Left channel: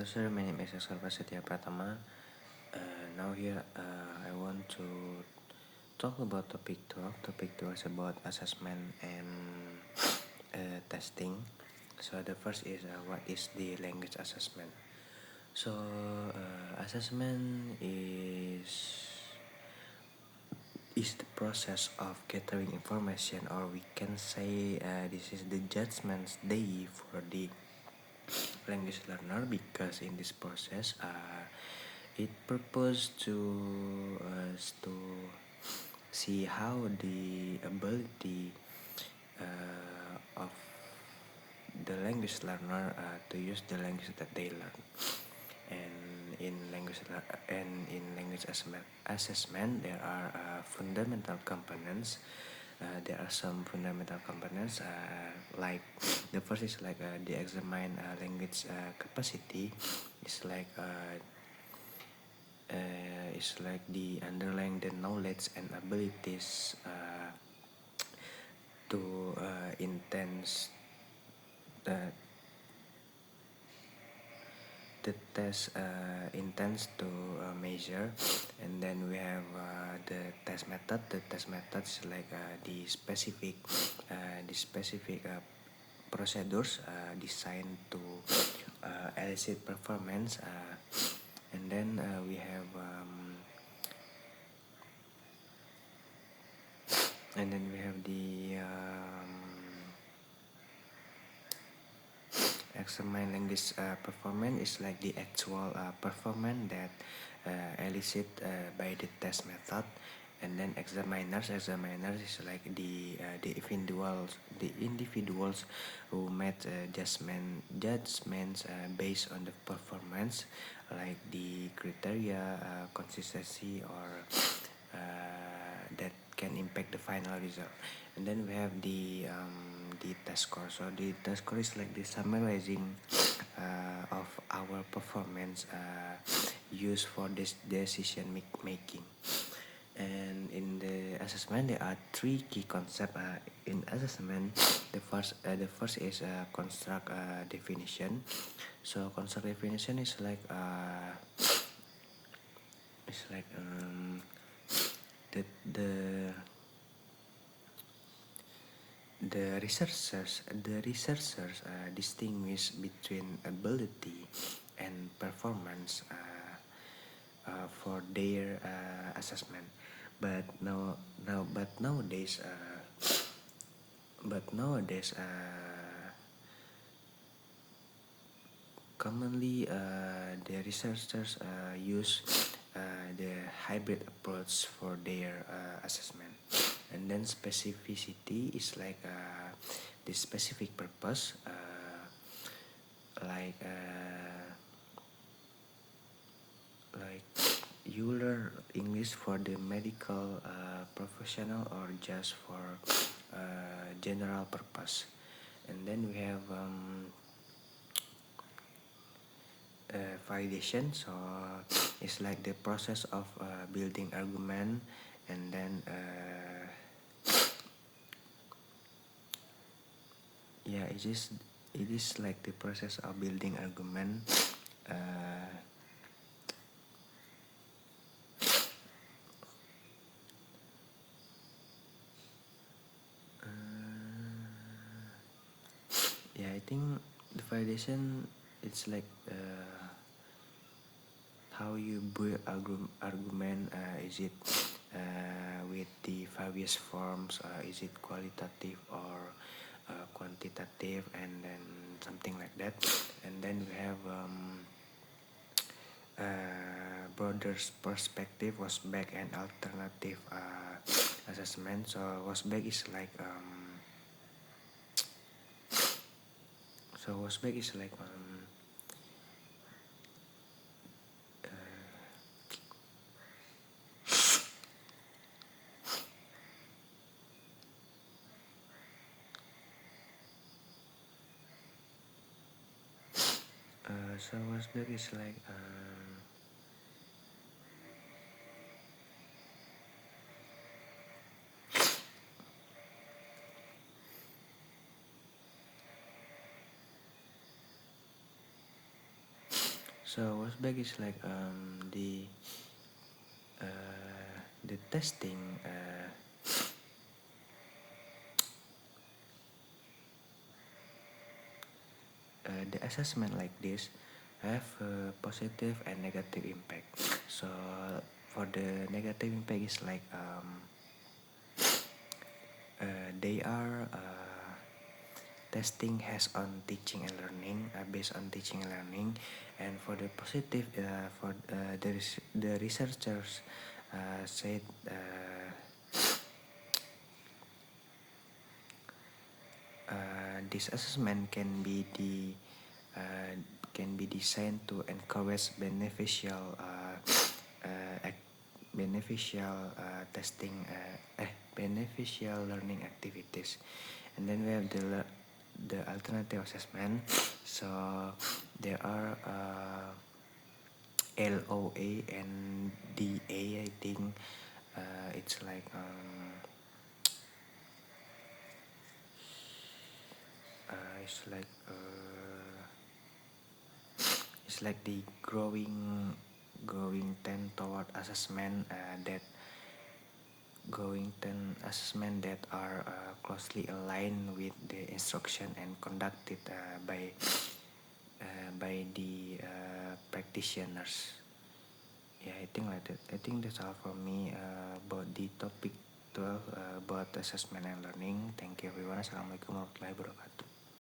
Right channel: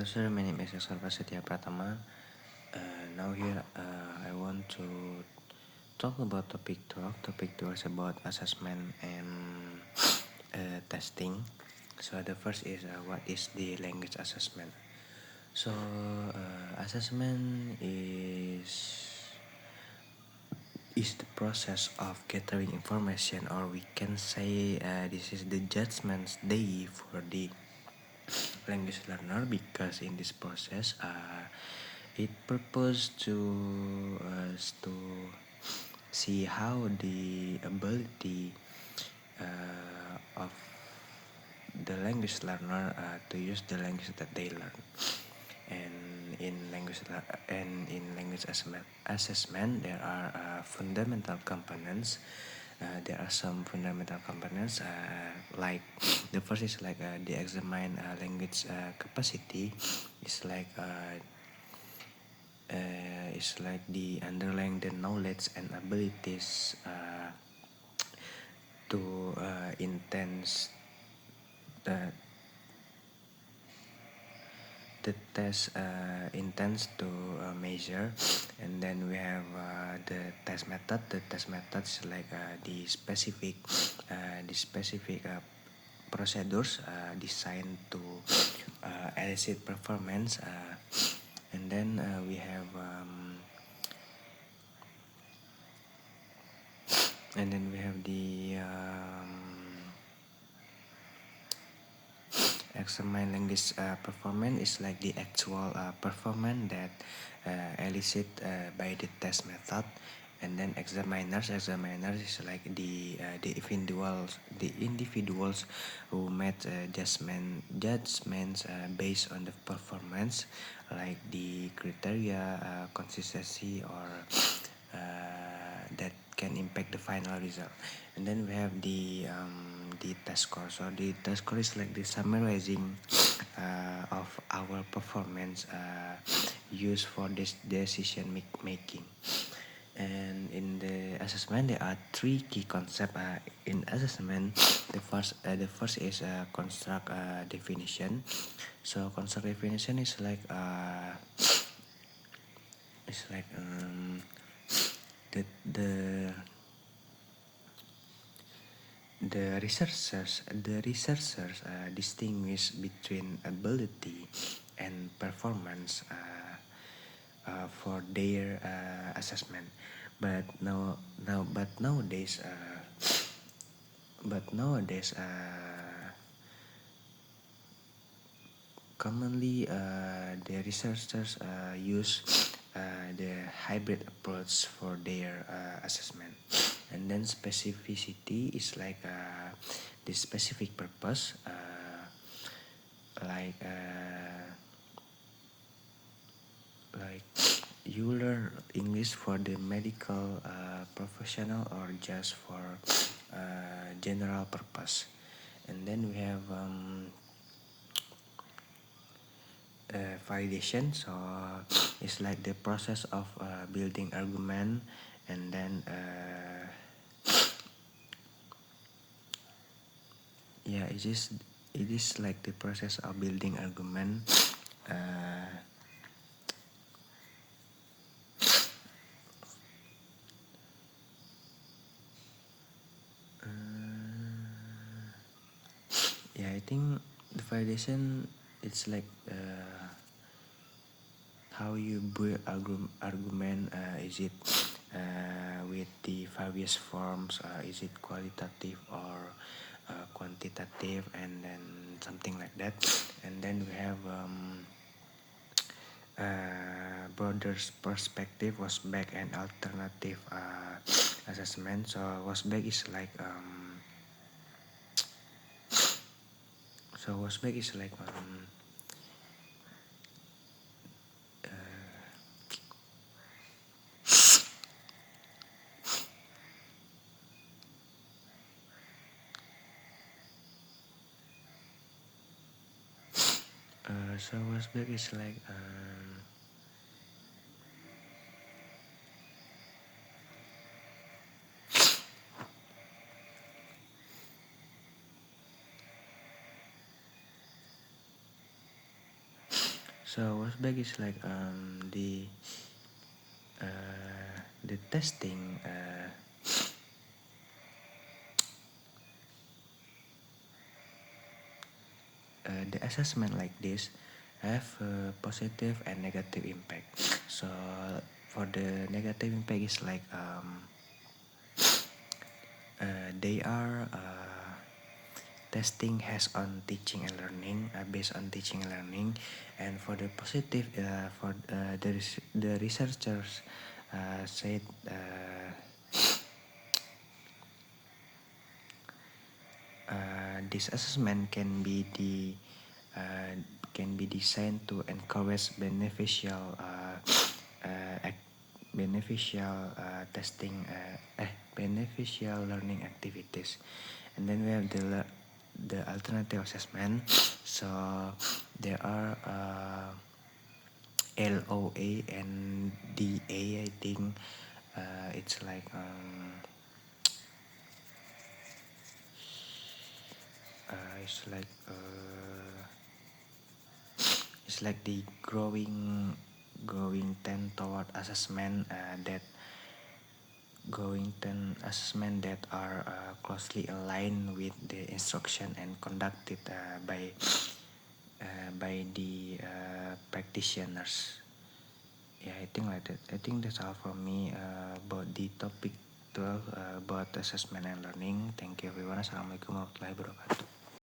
Hello sir, my name is Oscar Prasetya Pratama. Now here I want to talk about topic 12. Topic 12 is about assessment and testing. So the first is what is the language assessment? So assessment is the process of gathering information, or we can say this is the judgment day for the language learner, because in this process it purpose to see how the ability of the language learner to use the language that they learn. And in language assessment there are fundamental components. There are some fundamental components like the first is like the examine language capacity. It's like the underlying the knowledge and abilities to intense the test intends to measure. And then we have the test method. The test method is like the specific procedures designed to elicit performance. And then we have the examine language performance is like the actual performance that elicited by the test method. And then examiners is like the individuals who made judgments based on the performance, like the criteria, consistency, or that can impact the final result. And then we have the test score. So the test score is like the summarizing of our performance used for this decision making. And in the assessment there are three key concepts in assessment. The first is construct definition. So construct definition is like the researchers distinguish between ability and performance for their assessment. But nowadays commonly the researchers use the hybrid approach for their assessment. And then specificity is like the specific purpose, like you learn English for the medical professional or just for general purpose. And then we have validation. So it's like the process of building argument. And then it is like the process of building argument. I think the validation, it's like how you build argument. Is it with the various forms? Is it qualitative or quantitative? And then something like that. And then we have broader perspective, Wozniak, and alternative assessment. So Wozniak is like Wozniak is like So what's back is like the testing the assessment like this have a positive and negative impact. So for the negative impact is like they are testing has on teaching and learning, based on teaching and learning. And for the positive, for the researchers said this assessment can be designed to encourage beneficial testing beneficial learning activities. And then we have the alternative assessment. So there are LOA and DA. I think it's like it's like it's like the growing trend toward assessment that are closely aligned with the instruction and conducted by the practitioners. Yeah, I think like that. I think that's all from me about the topic 12 about assessment and learning. Thank you everyone. Assalamualaikum warahmatullahi wabarakatuh.